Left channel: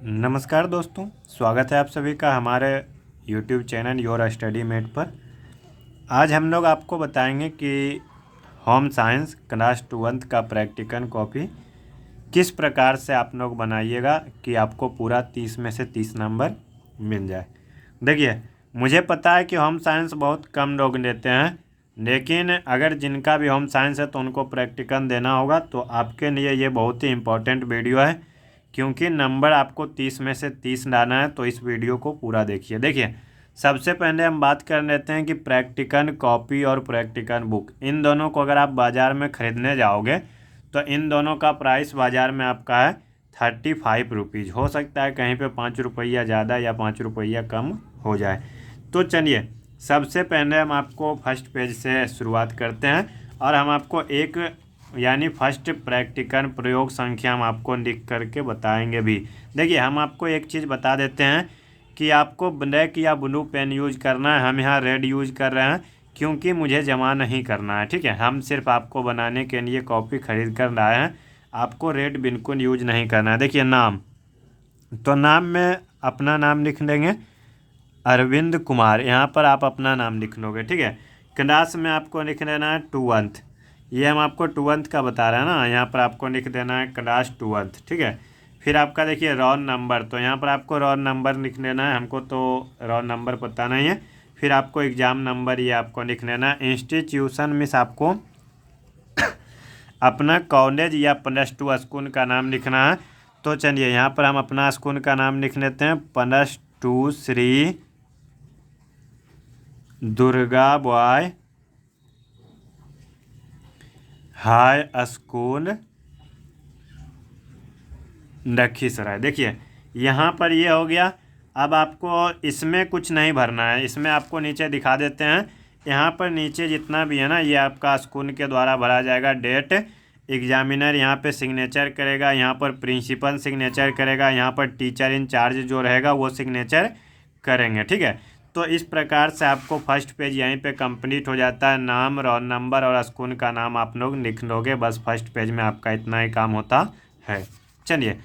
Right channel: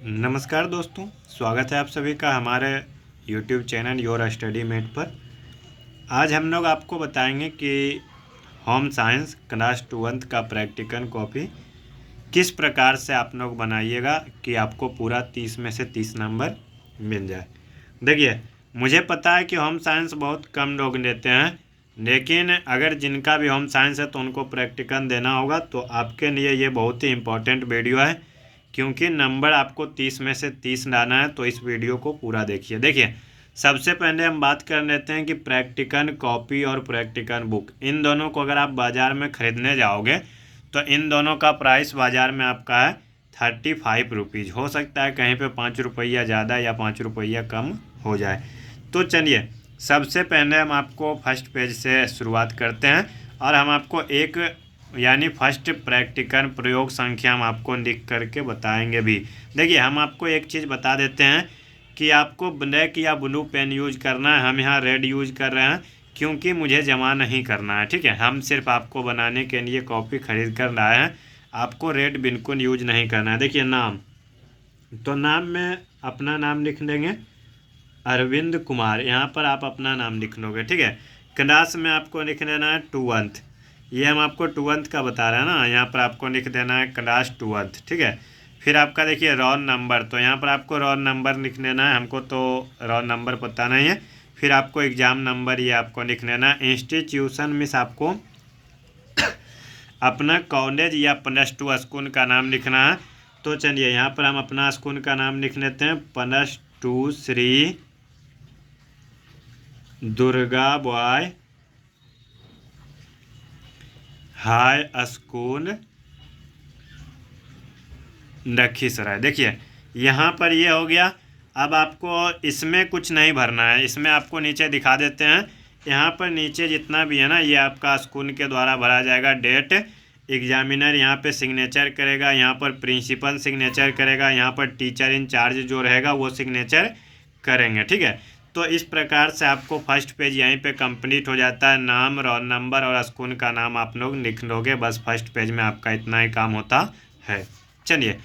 नमस्कार दोस्तों, स्वागत है आप सभी का हमारे YouTube channel your study mate पर। आज हम लोग आपको बताएंगे कि होम साइंस क्लास 2th का प्रैक्टिकल कॉपी किस प्रकार से आप लोग बनाइएगा कि आपको पूरा 30 में से 30 नंबर मिल जाए। देखिए, मुझे पता है कि होम साइंस बहुत कम लोग लेते हैं, लेकिन अगर जिनका भी होम साइंस है तो उनको प्रैक्टिकल देना होगा। तो आपके लिए ये बहुत ही इम्पोर्टेंट वीडियो है, क्योंकि नंबर आपको 30 में से 30 लाना है। तो इस वीडियो को पूरा देखिए। सबसे पहले हम बात कर लेते हैं कि प्रैक्टिकल कॉपी और प्रैक्टिकल बुक, इन दोनों को अगर आप बाज़ार में ख़रीदने जाओगे तो इन दोनों का प्राइस बाज़ार में आपका है 35 रुपीज़। हो सकता है कहीं पे 5 रुपया ज़्यादा या 5 रुपया कम हो जाए। तो चलिए, सबसे पहले हम आपको फर्स्ट पेज से शुरुआत करते हैं और हम आपको एक यानी फर्स्ट प्रैक्टिकल प्रयोग संख्या हम आपको लिख करके बताएंगे भी। देखिए, हम आपको एक चीज़ बता देते हैं कि आपको ब्लैक या ब्लू पेन यूज करना है। हम यहाँ रेड यूज कर रहे हैं क्योंकि मुझे जमा नहीं करना है, ठीक है। हम सिर्फ आपको बनाने के लिए कॉपी खरीद कर लाए हैं। आपको रेड बिल्कुल यूज नहीं करना है। देखिए, नाम, तो नाम में अपना नाम लिख लेंगे, अरविंद कुमार। यहाँ पर आप अपना नाम लिख लोगे, ठीक है। क्लास में आपको लिख लेना है 2th, ये हम आपको 2th का बता रहे हैं ना, यहाँ पर आपको लिख देना है क्लास 2th, ठीक है। फिर आपका देखिए रोल नंबर, तो यहाँ पर आपको रोल नंबर लिख लेना है। हमको तो रोल नंबर पता नहीं है। फिर आपको एग्ज़ाम नंबर ये आपको लिख लेना है। इंस्टीट्यूशन मीन्स आपको अपना कॉलेज या +2 स्कूल का नाम लिखना है। तो चलिए, यहाँ पर हम अपना स्कूल का नाम लिख लेते हैं, +2 Shri Durga boy high school Lakhisarai. देखिए, यहाँ पर ये हो गया। अब आपको इसमें कुछ नहीं भरना है, इसमें आपको नीचे दिखा देते हैं। यहाँ पर नीचे जितना भी है ना, ये आपका स्कूल के द्वारा भरा जाएगा। डेट, एग्जामिनर यहाँ पे सिग्नेचर करेगा, यहाँ पर प्रिंसिपल सिग्नेचर करेगा, यहाँ पर टीचर इंचार्ज जो रहेगा वो सिग्नेचर करेंगे, ठीक है। तो इस प्रकार से आपको फर्स्ट पेज यहीं पे कंप्लीट हो जाता है। नाम, रोल नंबर और स्कूल का नाम आप लोग लिख लोगे, बस फर्स्ट पेज में आपका इतना ही काम होता है। चलिए,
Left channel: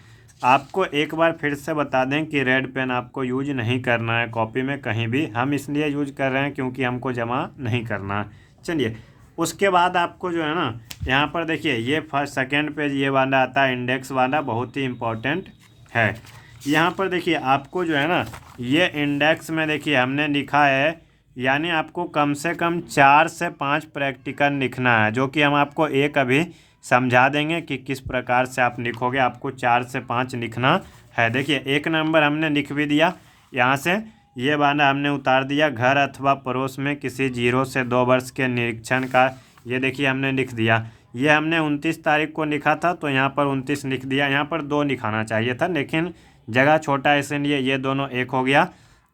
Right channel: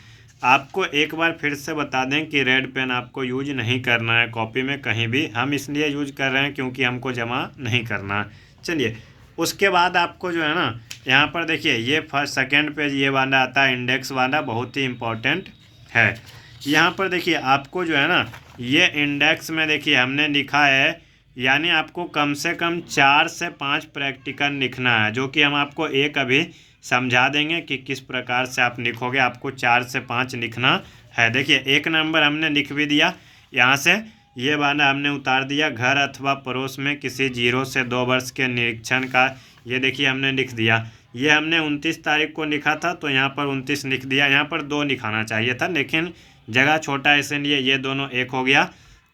आपको एक बार फिर से बता दें कि रेड पेन आपको यूज नहीं करना है कॉपी में कहीं भी। हम इसलिए यूज कर रहे हैं क्योंकि हमको जमा नहीं करना है। चलिए, उसके बाद आपको जो है ना, यहाँ पर देखिए, ये फर्स्ट सेकेंड पेज ये वाला आता है, इंडेक्स वाला, बहुत ही इम्पोर्टेंट है। यहाँ पर देखिए, आपको जो है ना, ये इंडेक्स में देखिए हमने लिखा है, यानी आपको कम से कम 4 से 5 प्रैक्टिकल लिखना है, जो कि हम आपको एक अभी समझा देंगे कि किस प्रकार से आप लिखोगे। आपको 4 से 5 लिखना है। देखिए, एक नंबर हमने लिख भी दिया, यहाँ से ये वाला हमने उतार दिया। घर अथवा पड़ोस में किसी 0 से 2 वर्ष के निरीक्षण का, ये देखिए हमने लिख दिया। ये हमने 29 तारीख को लिखा था, तो यहाँ पर 29 लिख दिया। यहाँ पर 2 लिखाना चाहिए था, लेकिन जगह छोटा है इसलिए ये दोनों एक हो गया।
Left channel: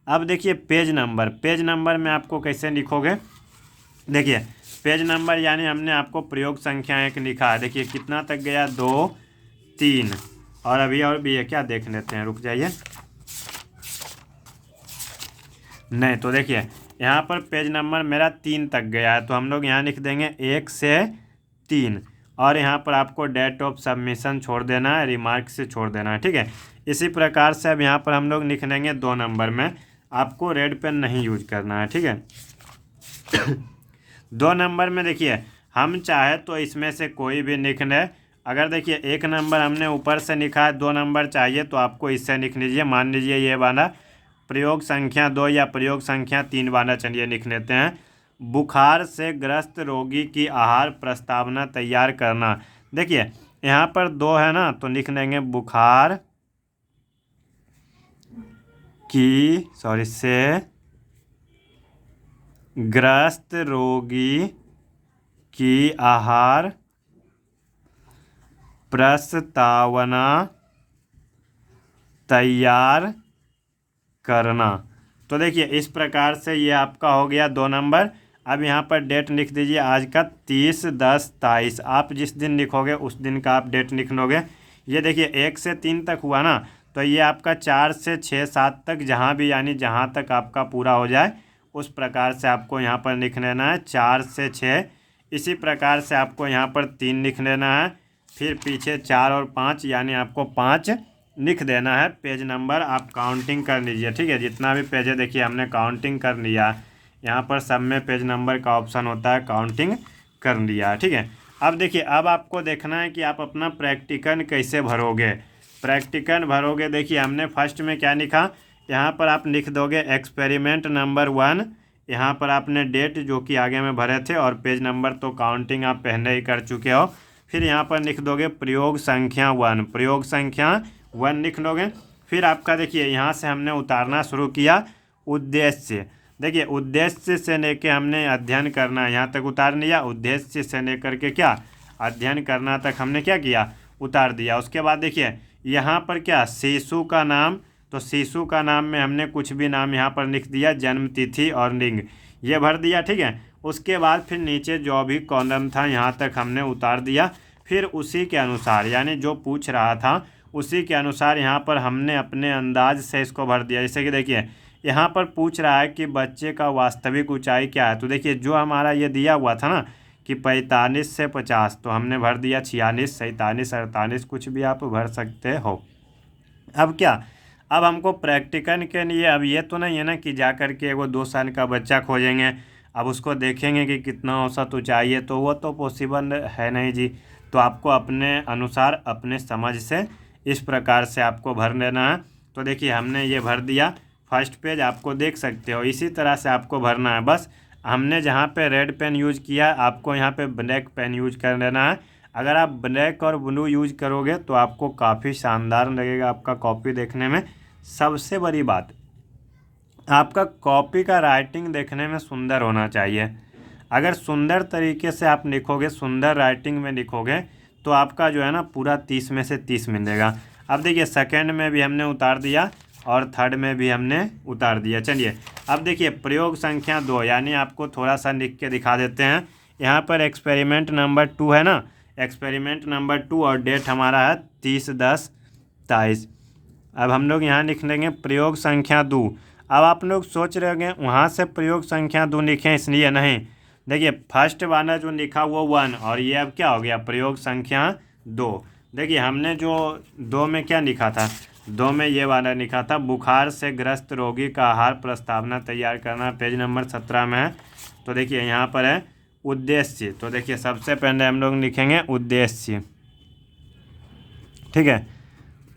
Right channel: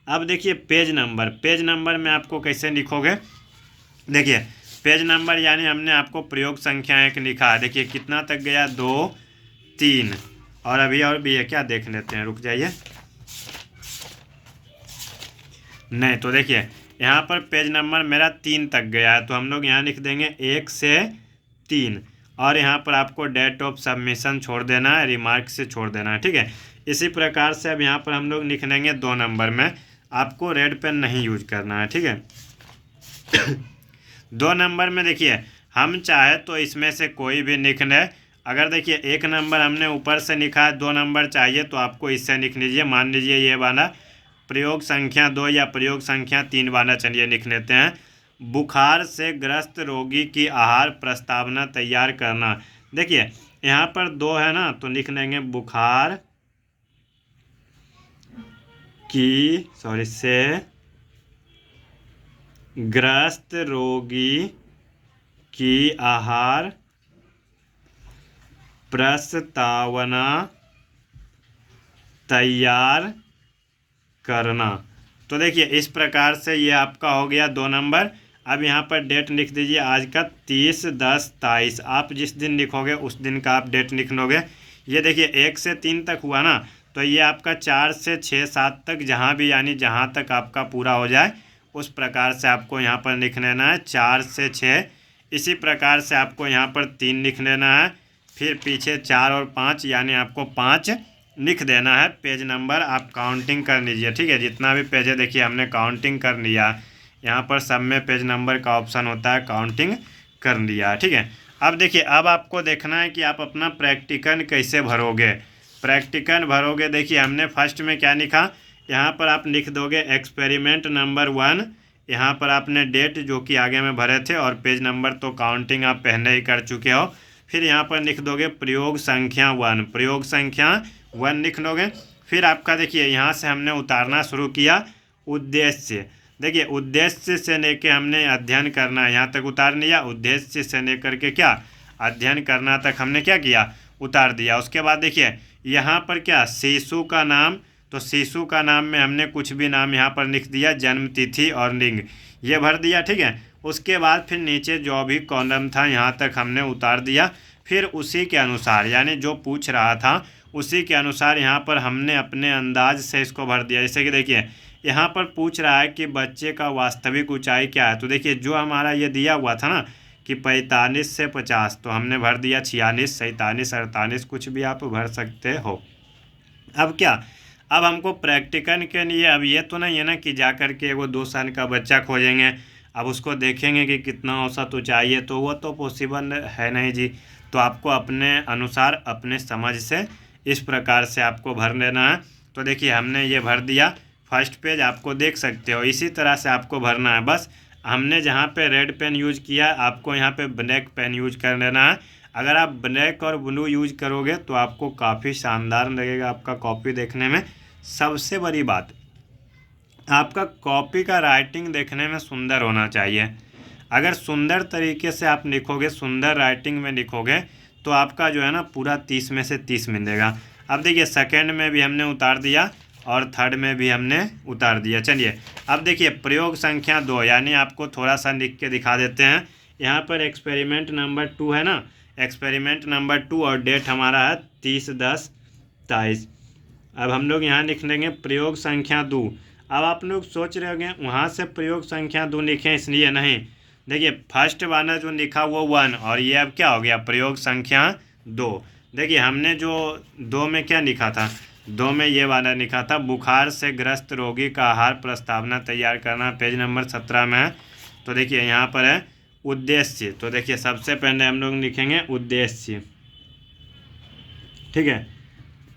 अब देखिए, पेज नंबर, पेज नंबर में आपको कैसे लिखोगे। देखिए, पेज नंबर यानी हमने आपको प्रयोग संख्या 1 लिखा है। देखिए कितना तक गया, 2, 3, और अभी और भी है क्या, देख लेते हैं, रुक जाइए। नहीं, तो देखिए यहाँ पर पेज नंबर मेरा 3 तक गया है, तो हम लोग यहाँ लिख देंगे 1 से 3, और यहाँ पर आपको डेट ऑफ सबमिशन छोड़ देना है, रिमार्क से छोड़ देना है, ठीक है। इसी प्रकार से अब यहाँ पर हम लोग लिख लेंगे 2 नंबर में। आपको रेड पेन नहीं यूज करना है, ठीक है। 2 नंबर में देखिए, हम चाहे तो इसमें से कोई भी लिख लें। अगर देखिए 1 नंबर हमने ऊपर से लिखा है, 2 नंबर चाहिए तो आपको इससे लिख लीजिए। मान लीजिए ये वाला प्रयोग संख्या 2 या प्रयोग संख्या 3 वाला, चलिए लिख लेते हैं। बुखार से ग्रस्त रोगी की आहार प्रस्तावना तैयार करना। देखिए, यहाँ पर 2 है ना, तो लिख लेंगे बुखार से ग्रस्त रोगी की आहार प्रस्तावना तैयार करना। तो देखिए, इस प्रकार से ये आपका हो गया 2 नंबर। अब यहाँ पर डेट लिख दीजिए, आज का 30/10/23। आप जिस दिन लिखोगे उस दिन का आप डेट लिख लोगे। ये देखिए 1 से 3 तक हुआ ना, तो ये आपका 4 से 6, 7 तक, जहाँ भी यानी जहाँ तक आपका पूरा हो जाए उस प्रकार से आपको यहाँ पर लिख लेना है, 4 से 6। इसी प्रकार से आपको यहाँ पर 3 लिख लेना है। फिर पीछे 4 और 5, यानी आपको 5 लिख देना है पेज नंबर, आप काउंटिंग कर लीजिए, ठीक है। जितना भी पेज है देखिए हमने काउंटिंग कर लिया, यहाँ पर सब में पेज नंबर का ऑप्शन होता है, काउंटिंग कर लिया, ठीक है। अब देखिए, अब आपको देखना है कि आप अपना प्रैक्टिकल कैसे भरोगे। प्रैक्टिकल भरोगे, देखिए हमने फर्स्ट में क्या लिखा, यहाँ पर आप लिख दोगे एक्सपेरिमेंट नंबर 1, यहाँ पर आपने डेट जो कि आगे में भरे थे, और पेज नंबर तो काउंटिंग आप पहले ही कर चुके हो। फिर यहाँ पर लिख दोगे प्रयोग संख्या 1, प्रयोग संख्या 1 लिख लोगे। फिर आपका देखिए यहाँ से हमने उतारना शुरू किया उद्देश्य। देखिए उद्देश्य से लेके हमने अध्ययन करना, यहाँ तक उतार लिया। उद्देश्य से लेकर के क्या अध्ययन करना तक हमने क्या किया, उतार दिया। उसके बाद देखिए यहाँ पर क्या शिशु का नाम, तो शिशु का नाम में हमने कुछ भी नाम यहाँ पर लिख दिया, जन्म तिथि और लिंग ये भर दिया, ठीक है। उसके बाद फिर नीचे जो भी कॉलम था यहाँ तक हमने उतार दिया। फिर उसी के अनुसार, यानी जो पूछ रहा था उसी के अनुसार यहाँ पर हमने अपने अंदाज से इसको भर दिया। जैसे कि देखिए यहाँ पर पूछ रहा है कि बच्चे का वास्तविक ऊंचाई क्या है, तो देखिए जो हमारा ये दिया हुआ था ना कि 45 से 50, तो हमने भर दिया 46, 47, 48, कुछ भी आप भर सकते हो। अब क्या, अब हमको प्रैक्टिकल के लिए, अब ये तो नहीं है ना कि जा कर के वो 2 साल का बच्चा खोजेंगे, अब उसको देखेंगे कि कितना औसत ऊंचाई है, तो वो तो पॉसिबल है नहीं जी। तो आपको अपने अनुसार अपने समझ से इस प्रकार से आपको भर लेना है। तो देखिए हमने ये भर दिया, फर्स्ट पेज आपको देख सकते हो, इसी तरह से आपको भरना है। बस हमने जहाँ पे रेड पेन यूज किया, आपको यहाँ पे ब्लैक पेन यूज कर लेना है। अगर आप ब्लैक और ब्लू यूज करोगे तो आपको काफ़ी शानदार लगेगा आपका कॉपी देखने में। सबसे बड़ी बात, आपका कॉपी का राइटिंग देखने में सुंदर होना चाहिए। अगर सुंदर तरीके से आप लिखोगे, सुंदर राइटिंग में लिखोगे, तो आपका जो है ना पूरा 30 में से 30 मिलेगा। अब देखिए सेकंड में भी हमने उतार दिया और थर्ड में भी हमने उतार दिया। चलिए अब देखिए प्रयोग संख्या 2, यानी आपको थोड़ा सा लिख के दिखा देते हैं। यहाँ पर एक्सपेरिमेंट नंबर 2 है ना, एक्सपेरिमेंट नंबर 2 और डेट हमारा है 30/10/23। अब हम लोग यहाँ लिख लेंगे प्रयोग संख्या 2। अब आप लोग सोच रहे होंगे वहाँ से प्रयोग संख्या 2 लिखें, इसलिए नहीं। देखिए फर्स्ट वाला जो लिखा वो 1, और ये अब क्या हो गया प्रयोग संख्या 2। देखिए हमने जो 2 में क्या लिखा था, 2 में ये वाला लिखा था बुखार से ग्रस्त रोगी का आहार प्रस्तावना तैयार करना, पेज नंबर 17 में है। तो देखिए यहाँ पर है उद्देश्य, तो देखिए सबसे पहले हम लोग लिखेंगे उद्देश्य, ठीक है।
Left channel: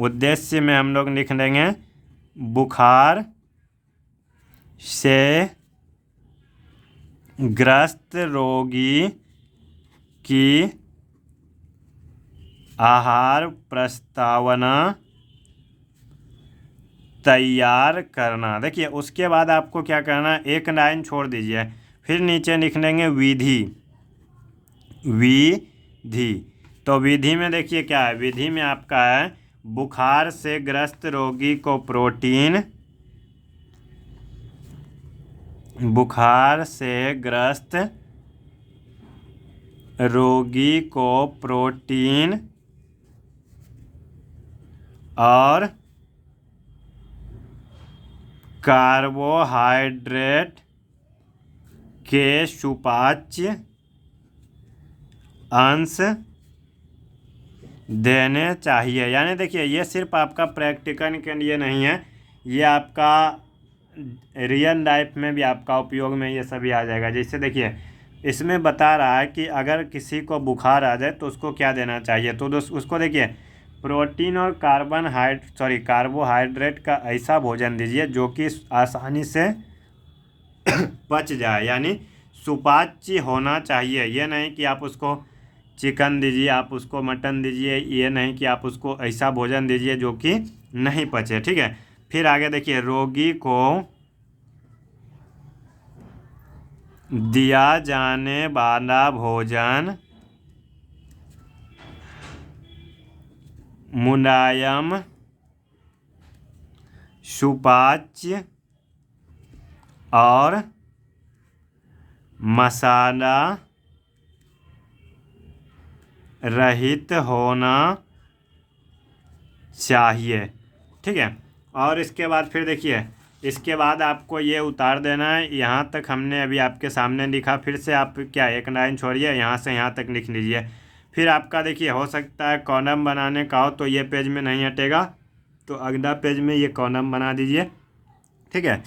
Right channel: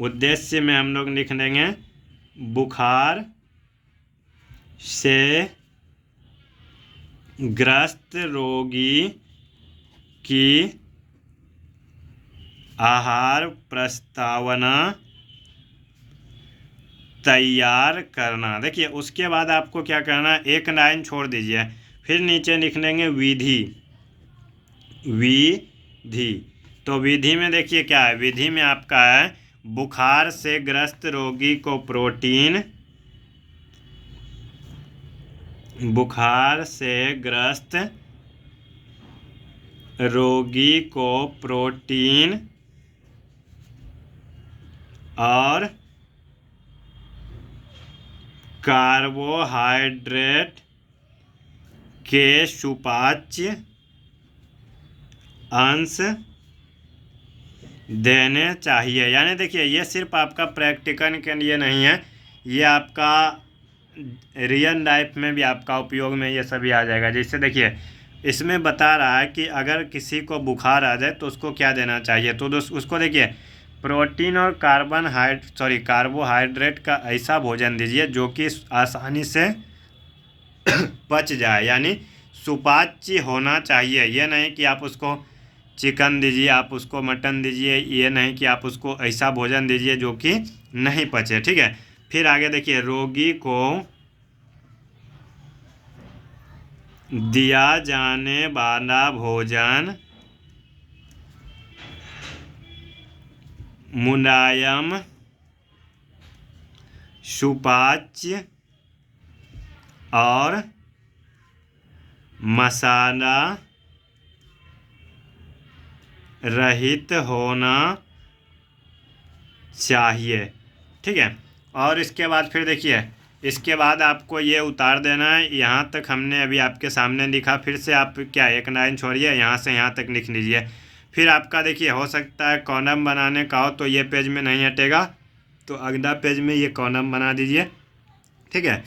उद्देश्य में हम लोग लिख लेंगे बुखार से ग्रस्त रोगी की आहार प्रस्तावना तैयार करना। देखिए उसके बाद आपको क्या करना है, एक लाइन छोड़ दीजिए, फिर नीचे लिख लेंगे विधि, विधि। तो विधि में देखिए क्या है, विधि में आपका है बुखार से ग्रस्त रोगी को प्रोटीन, बुखार से ग्रस्त रोगी को प्रोटीन और कार्बोहाइड्रेट के सुपाच्य अंश देने चाहिए। यानी देखिए ये सिर्फ आपका प्रैक्टिकल के लिए नहीं है, ये आपका रियल लाइफ में भी आपका उपयोग में ये सभी आ जाएगा। जैसे देखिए इसमें बता रहा है कि अगर किसी को बुखार आ जाए तो उसको क्या देना चाहिए, तो उसको देखिए प्रोटीन और कार्बोहाइड्रेट का ऐसा भोजन दीजिए जो कि आसानी से पच जाए, यानी सुपाच्य होना चाहिए। ये नहीं कि आप उसको चिकन दीजिए, आप उसको मटन दीजिए, ये नहीं कि आप उसको ऐसा भोजन दीजिए जो कि नहीं पचे, ठीक है। फिर आगे देखिए रोगी को दिया जाने वाला भोजन मुलायम, सुपाच्य और मसाला रहित होना चाहिए, ठीक है। और इसके बाद फिर देखिए इसके बाद आपको ये उतार देना है। यहाँ तक हमने अभी आपके सामने लिखा, फिर से आप क्या एक लाइन छोड़िए, यहाँ से यहाँ तक लिख लीजिए। फिर आपका देखिए हो सकता है कॉलम बनाने का हो तो ये पेज में नहीं हटेगा, तो अगला पेज में ये कॉलम बना दीजिए, ठीक है।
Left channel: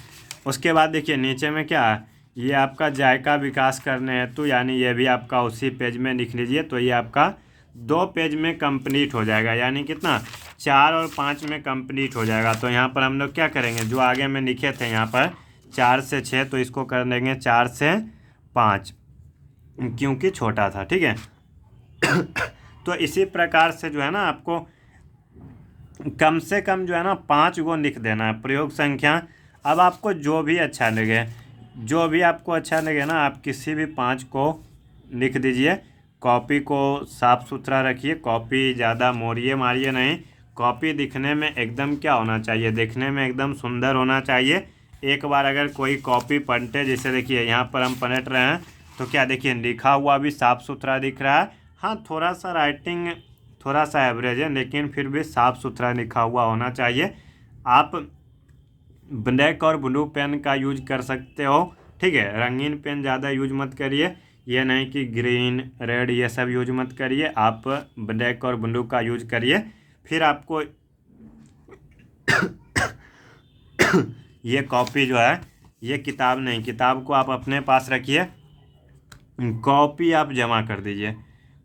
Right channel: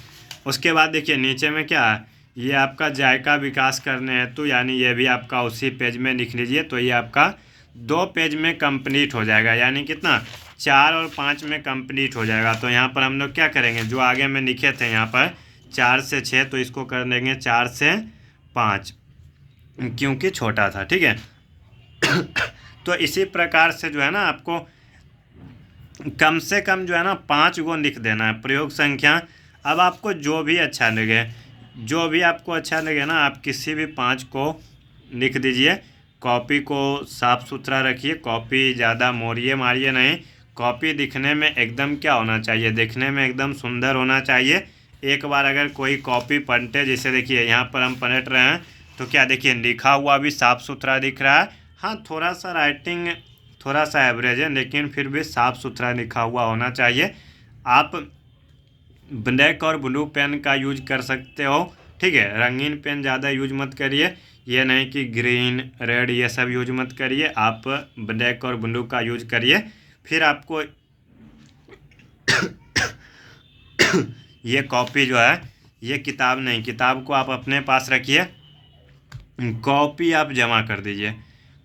उसके बाद देखिए नीचे में क्या है, ये आपका जायका विकास करने हेतु, यानी ये भी आपका उसी पेज में लिख लीजिए। तो ये आपका 2 पेज में कंप्लीट हो जाएगा, यानी कितना 4 और 5 में कंप्लीट हो जाएगा। तो यहाँ पर हम लोग क्या करेंगे, जो आगे में लिखे थे यहाँ पर 4 से 6, तो इसको कर देंगे 4 से 5, क्योंकि छोटा था, ठीक है। तो इसी प्रकार से जो है ना आपको कम से कम जो है ना 5 गो लिख देना है प्रयोग संख्या। अब आपको जो भी अच्छा लगे, जो भी आपको अच्छा लगे ना, आप किसी भी 5 को लिख दीजिए। कॉपी को साफ़ सुथरा रखिए, कॉपी ज़्यादा मोड़िए मारिए नहीं। कॉपी दिखने में एकदम क्या होना चाहिए, देखने में एकदम सुंदर होना चाहिए। एक बार अगर कोई कॉपी पलटे, जैसे देखिए यहाँ पर हम पलट रहे हैं, तो क्या देखिए लिखा हुआ भी साफ़ सुथरा दिख रहा है। हाँ, थोड़ा सा राइटिंग थोड़ा सा एवरेज है, लेकिन फिर भी साफ़ सुथरा लिखा हुआ होना चाहिए। आप ब्लैक और ब्लू पेन का यूज कर सकते हो, ठीक है। रंगीन पेन ज़्यादा यूज मत करिए, ये नहीं कि ग्रीन रेड ये सब यूज मत करिए, आप ब्लैक और ब्लू का यूज करिए। फिर आपको ये कॉपी जो है, ये किताब नहीं, किताब को आप अपने पास रखिए, कॉपी आप जमा कर दीजिए।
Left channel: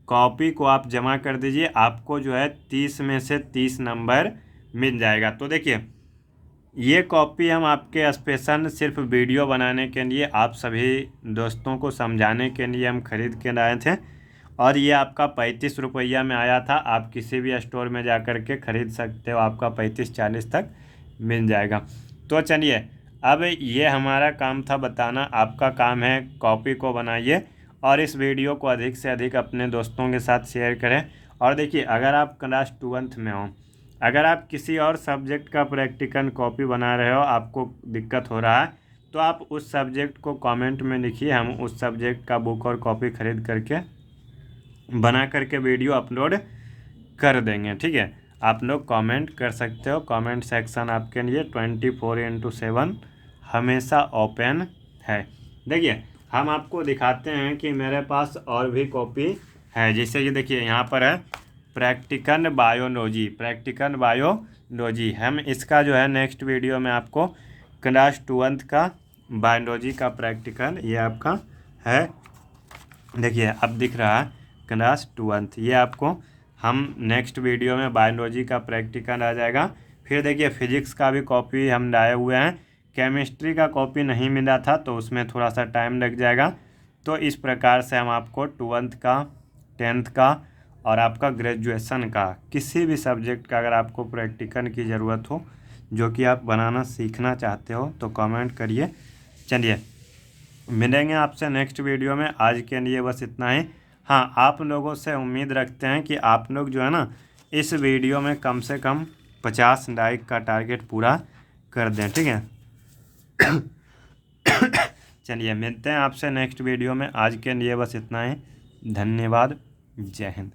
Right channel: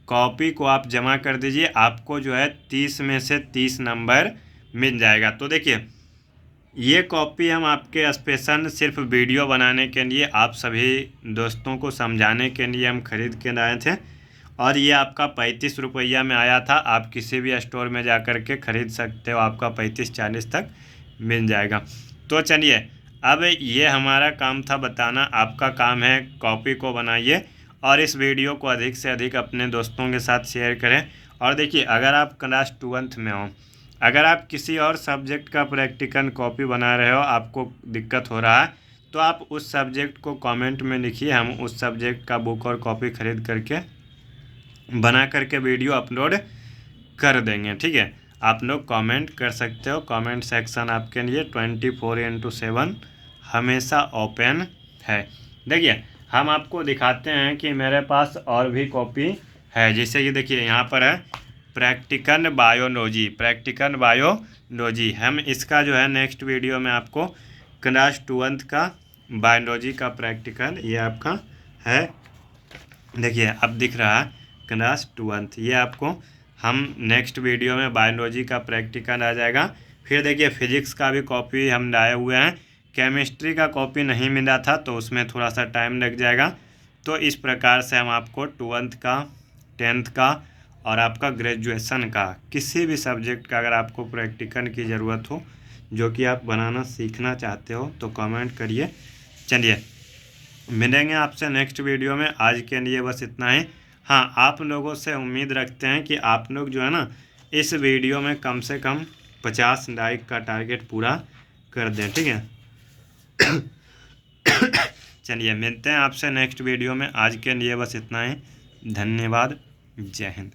कॉपी को आप जमा कर दीजिए, आपको जो है 30 में से 30 नंबर मिल जाएगा। तो देखिए ये कॉपी हम आपके स्पेशल सिर्फ वीडियो बनाने के लिए, आप सभी दोस्तों को समझाने के लिए हम खरीद के लाए थे, और ये आपका 35 रुपया में आया था। आप किसी भी स्टोर में जा कर के ख़रीद सकते हो, आपका 35-40 तक मिल जाएगा। तो चलिए, अब ये हमारा काम था बताना, आपका काम है कॉपी को बनाइए और इस वीडियो को अधिक से अधिक अपने दोस्तों के साथ शेयर करें। और देखिए, अगर आप क्लास 12th में हो, अगर आप किसी और सब्जेक्ट का प्रैक्टिकल कॉपी बना रहे हो, आपको दिक्कत हो रहा है, तो आप उस सब्जेक्ट को कमेंट में लिखिए, हम उस सब्जेक्ट का बुक और कॉपी खरीद करके बना करके वीडियो अपलोड कर देंगे, ठीक है। आप लोग कमेंट कर सकते हो, कमेंट सेक्शन आपके लिए 24/7 हमेशा ओपन है। देखिए, हम आपको दिखाते हैं कि मेरे पास और भी कॉपी है, जैसे कि देखिए यहाँ पर है प्रैक्टिकल बायोलॉजी। हम इसका जो है नेक्स्ट वीडियो में आपको क्लास 12th का बायोलॉजी का प्रैक्टिकल, ये आपका है, देखिए अब दिख रहा है क्लास 12th, ये आपको हम नेक्स्ट वीडियो में बायोलॉजी का प्रैक्टिकल आ जाएगा। फिर देखिए फिजिक्स का भी कॉपी हम लाए हुए हैं, केमिस्ट्री का कॉपी नहीं मिला था तो उसमें थोड़ा सा टाइम लग जाएगा। तो इस प्रकार से हम आपको 12th का, 10th का और आपका ग्रेजुएशन का किसी भी सब्जेक्ट का अगर आपको प्रैक्टिकल की ज़रूरत हो, जो कि आप बनाना सीखना चाहते हो, तो कमेंट करिए। चलिए, मिलेंगे आपसे नेक्स्ट वीडियो में, आज के लिए बस इतना ही। हाँ, आप लोगों से उम्मीद रखते हैं कि आप लोग जो है ना इस वीडियो में कम से कम 50 लाइक का टारगेट पूरा कर दें, ठीक है। चलिए, मिलते हैं आपसे नेक्स्ट वीडियो में, आज के लिए बस इतना ही। धन्यवाद, जय हिंद।